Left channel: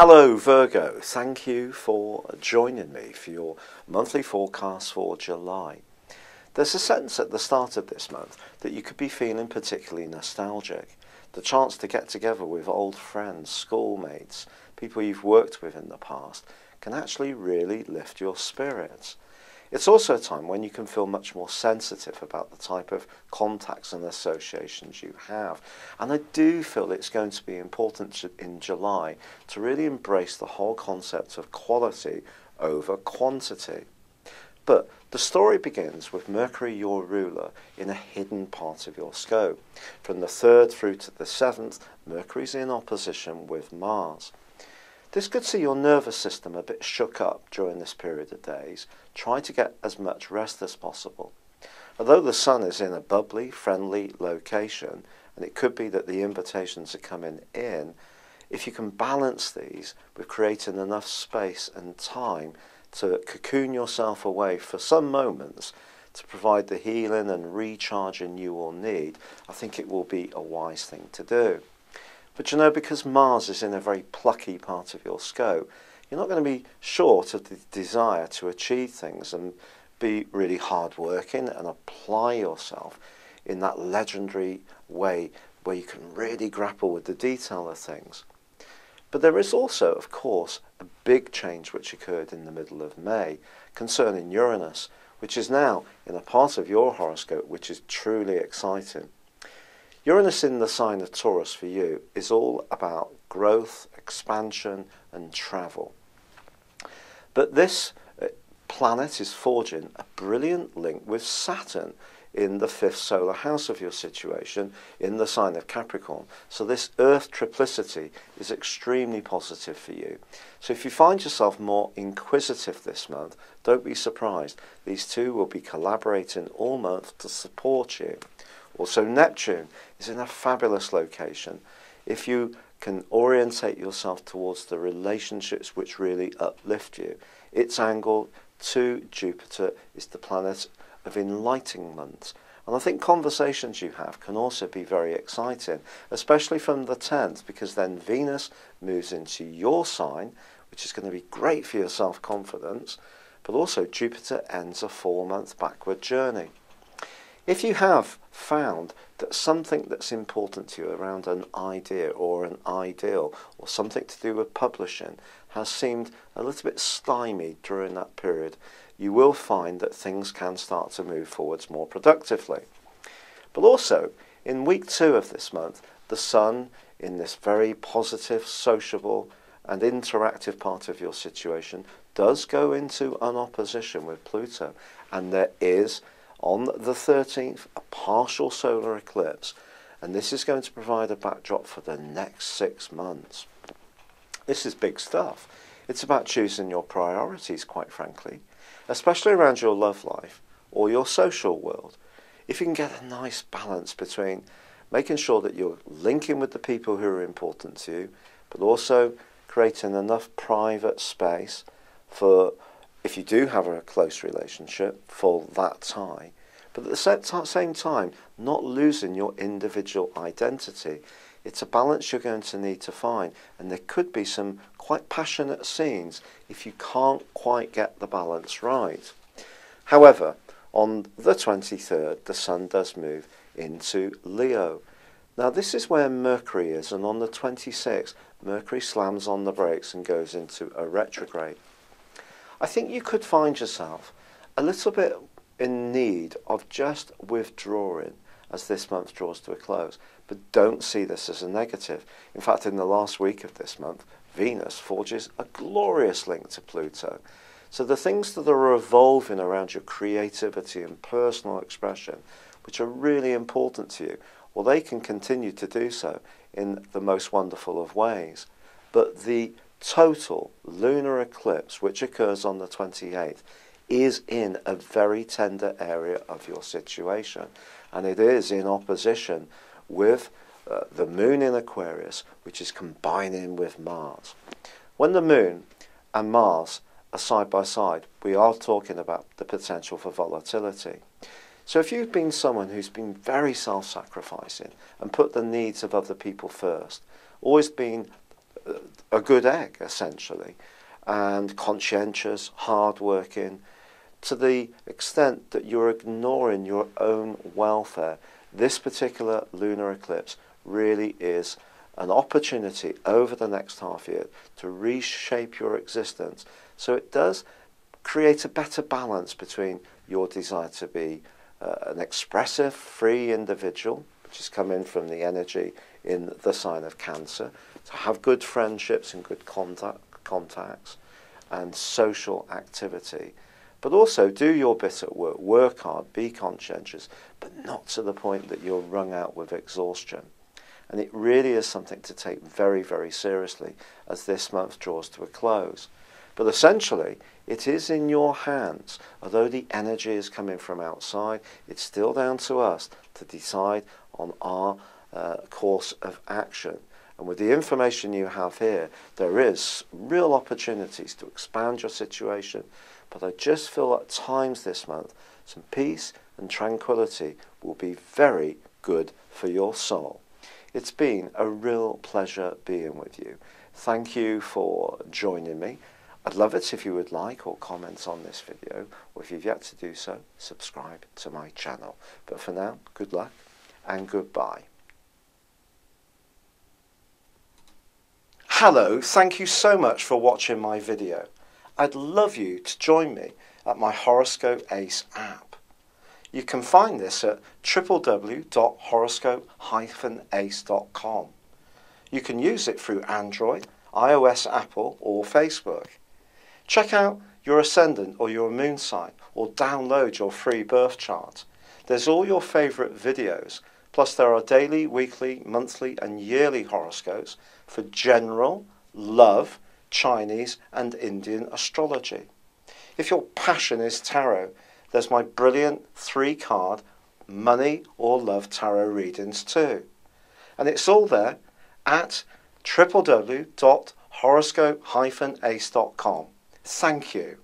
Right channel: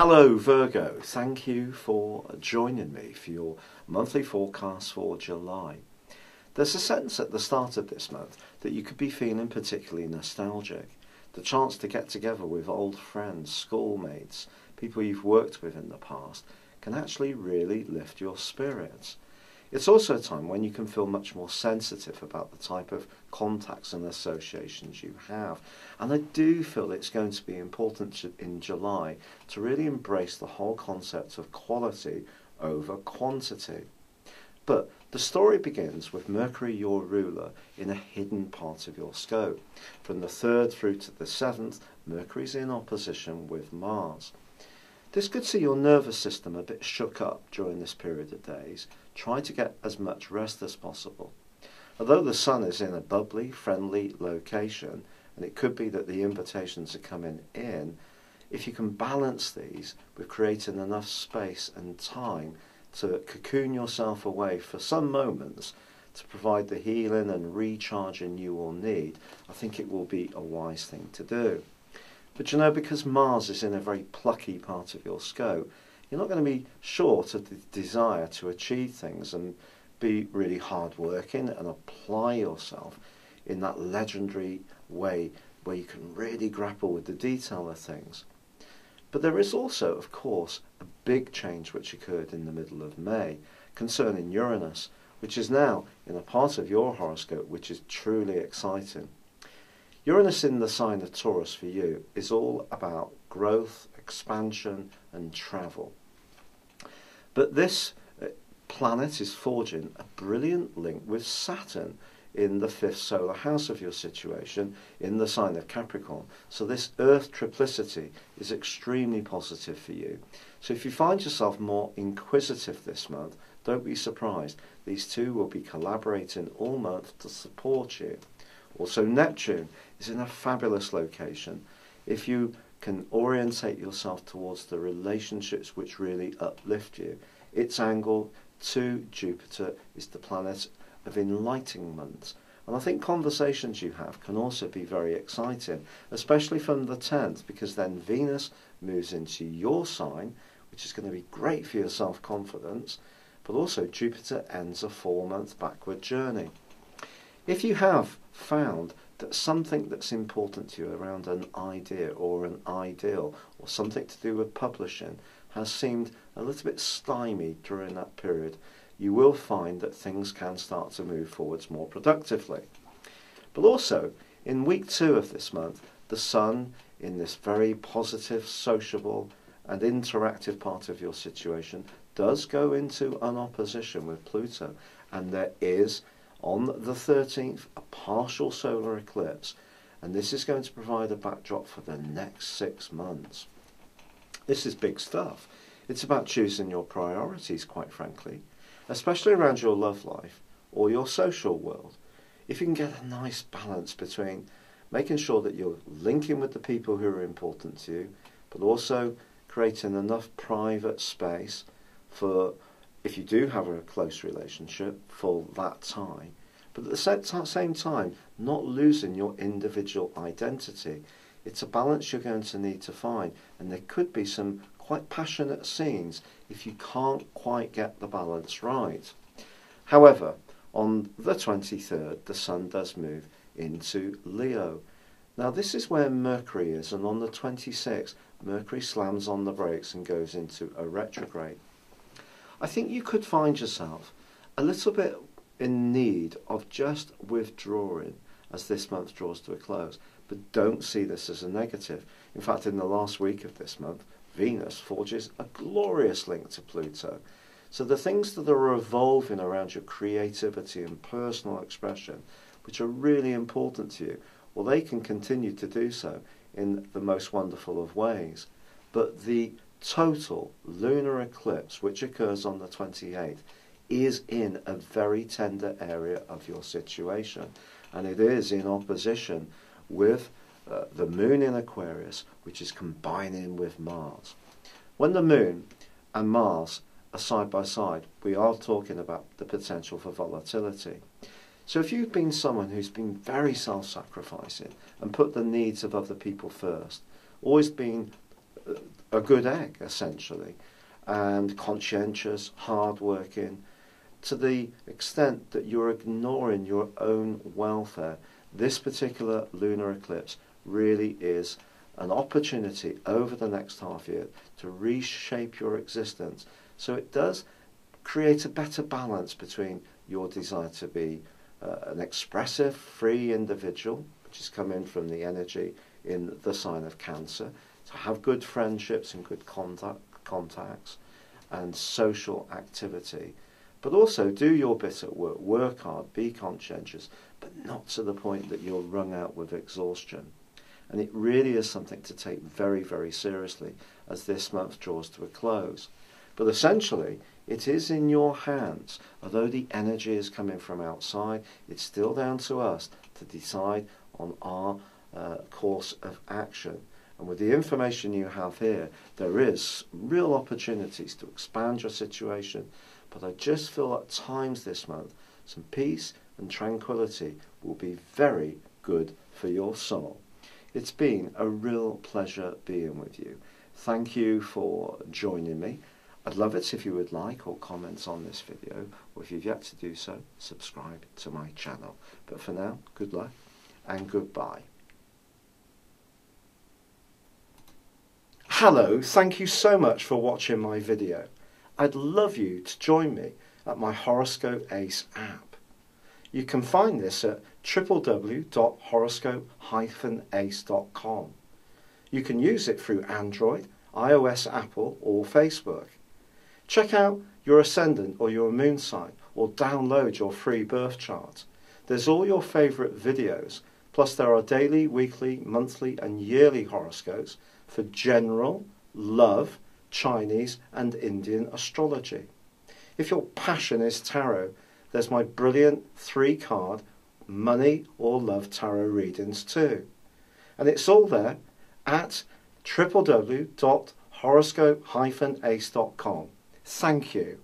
Hello Virgo, thank you for joining me for your monthly forecast for July. There's a sense at the start of this month that you could be feeling particularly nostalgic. The chance to get together with old friends, schoolmates, people you've worked with in the past can actually really lift your spirits. It's also a time when you can feel much more sensitive about the type of contacts and associations you have. And I do feel it's going to be important in July to really embrace the whole concept of quality over quantity. But the story begins with Mercury, your ruler, in a hidden part of your scope. From the 3rd through to the 7th, Mercury's in opposition with Mars. This could see your nervous system a bit shook up during this period of days. Try to get as much rest as possible. Although the Sun is in a bubbly, friendly location, and it could be that the invitations are coming in, if you can balance these with creating enough space and time to cocoon yourself away for some moments to provide the healing and recharging you will need, I think it will be a wise thing to do. But you know, because Mars is in a very plucky part of your scope, you're not going to be short of the desire to achieve things and be really hard-working and apply yourself in that legendary way where you can really grapple with the detail of things. But there is also, of course, a big change which occurred in the middle of May concerning Uranus, which is now in a part of your horoscope which is truly exciting. Uranus in the sign of Taurus for you is all about growth, expansion and travel. But this planet is forging a brilliant link with Saturn in the 5th solar house of your situation in the sign of Capricorn. So this Earth triplicity is extremely positive for you. So if you find yourself more inquisitive this month, don't be surprised. These two will be collaborating all month to support you. Also, Neptune is in a fabulous location. If you can orientate yourself towards the relationships which really uplift you, its angle to Jupiter is the planet of enlightenment. And I think conversations you have can also be very exciting, especially from the 10th, because then Venus moves into your sign, which is going to be great for your self-confidence, but also Jupiter ends a 4-month backward journey. If you have found that something that's important to you around an idea or an ideal or something to do with publishing has seemed a little bit stymied during that period, you will find that things can start to move forwards more productively. But also, in week 2 of this month, the Sun, in this very positive, sociable and interactive part of your situation, does go into an opposition with Pluto, and there is on the 13th, a partial solar eclipse, and this is going to provide a backdrop for the next 6 months. This is big stuff. It's about choosing your priorities, quite frankly, especially around your love life or your social world. If you can get a nice balance between making sure that you're linking with the people who are important to you, but also creating enough private space for, if you do have a close relationship, for that tie, but at the same time, not losing your individual identity. It's a balance you're going to need to find, and there could be some quite passionate scenes if you can't quite get the balance right. However, on the 23rd, the Sun does move into Leo. Now, this is where Mercury is, and on the 26th, Mercury slams on the brakes and goes into a retrograde. I think you could find yourself a little bit in need of just withdrawing as this month draws to a close, but don't see this as a negative. In fact, in the last week of this month, Venus forges a glorious link to Pluto. So the things that are evolving around your creativity and personal expression, which are really important to you, well, they can continue to do so in the most wonderful of ways. But the total lunar eclipse, which occurs on the 28th, is in a very tender area of your situation, and it is in opposition with the moon in Aquarius, which is combining with Mars. When the moon and Mars are side by side, we are talking about the potential for volatility. So if you've been someone who's been very self-sacrificing and put the needs of other people first, always been a good egg, essentially, and conscientious, hard-working, to the extent that you're ignoring your own welfare. This particular lunar eclipse really is an opportunity over the next half year to reshape your existence. So it does create a better balance between your desire to be an expressive, free individual, which is coming from the energy in the sign of Cancer, to have good friendships and good contacts and social activity, but also do your bit at work, work hard, be conscientious, but not to the point that you're wrung out with exhaustion. And it really is something to take very, very seriously as this month draws to a close. But essentially, it is in your hands. Although the energy is coming from outside, it's still down to us to decide on our course of action. And with the information you have here, there is real opportunities to expand your situation. But I just feel at times this month, some peace and tranquility will be very good for your soul. It's been a real pleasure being with you. Thank you for joining me. I'd love it if you would like or comment on this video, or if you've yet to do so, subscribe to my channel. But for now, good luck and goodbye. Hello, thank you so much for watching my video. I'd love you to join me at my Horoscope Ace app. You can find this at www.horoscope-ace.com. You can use it through Android, iOS, Apple or Facebook. Check out your ascendant or your moon sign or download your free birth chart. There's all your favourite videos, plus there are daily, weekly, monthly and yearly horoscopes for general, love, Chinese and Indian astrology. If your passion is tarot, there's my brilliant 3-card money or love tarot readings too. And it's all there at www.horoscope-ace.com. Thank you.